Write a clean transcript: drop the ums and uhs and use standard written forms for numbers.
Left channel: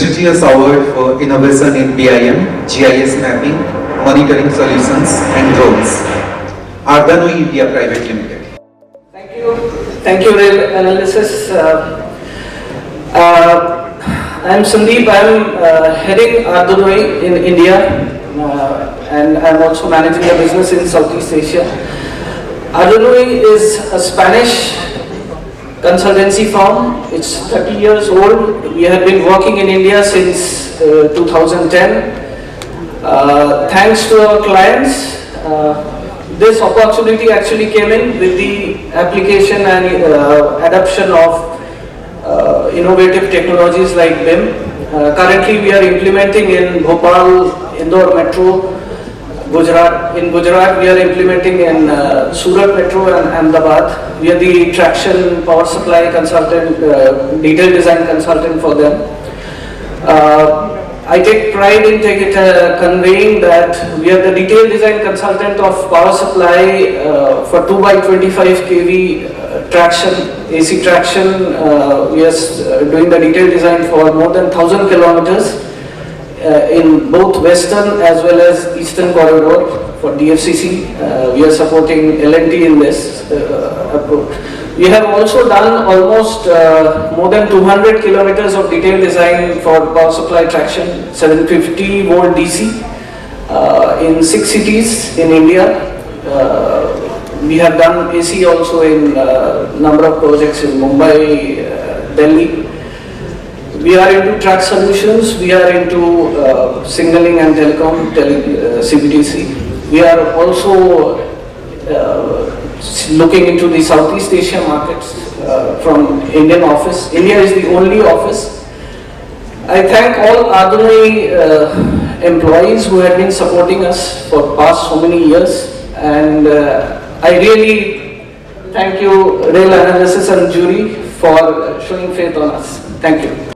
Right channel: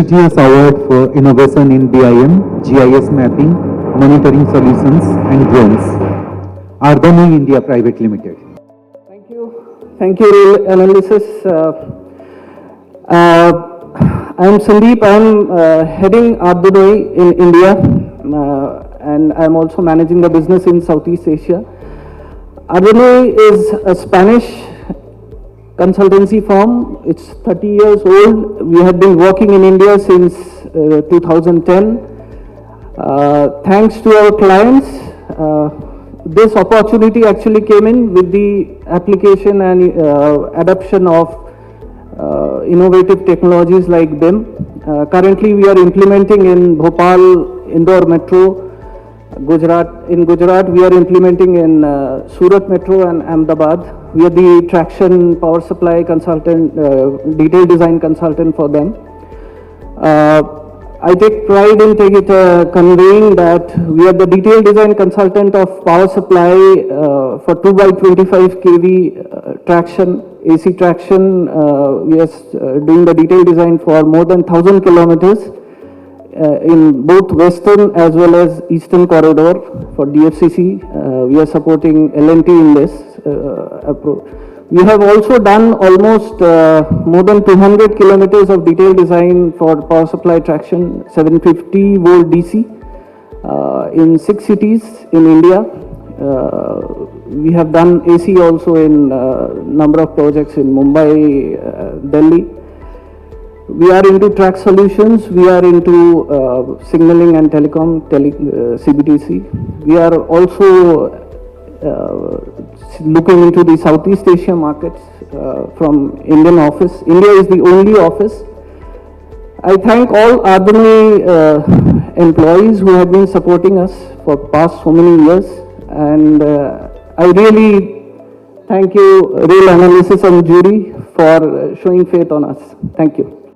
Prestigious Award for Innovation in BIM, GIS mapping, monitoring solutions, and roles. Ardanuy India Private Limited. Thank you, analysis. I'm Sandip. I'm heading Ardanuy in India, and I'm also managing the business in Southeast Asia. Ardanuy is a Spanish consultancy firm. It's 30 years old. We have been working in India since 2010. Thanks to our clients, this opportunity actually came in with the application and adoption of innovative technologies like BIM. Currently, we are implementing in Bhopal, Indore Metro, Gujarat. In Gujarat, we are implementing in Surat Metro and Ahmedabad. We are the traction power supply consultant, detailed design consultant for them. I take pride in conveying that we are the detailed design consultant of power supply for 2x25 kV traction, AC traction. We are doing the detailed design for more than 1,000 kilometers in both western as well as eastern corridor for DFCC. We are supporting L&T in this approach. We have also done almost more than 200 kilometers of detailed design for power supply traction, 750 volt DC in 6 cities in India. We have done AC also in number of projects in Mumbai, Delhi. We are into track solutions. We are into signaling and telecom, CBDC. We are also looking into the Southeast Asian markets from Indian office. India is the only office. I thank all Ardanuy employees who have been supporting us for past so many years, and I really thank you, Real Analysis and Jury, for showing faith on us. Thank you.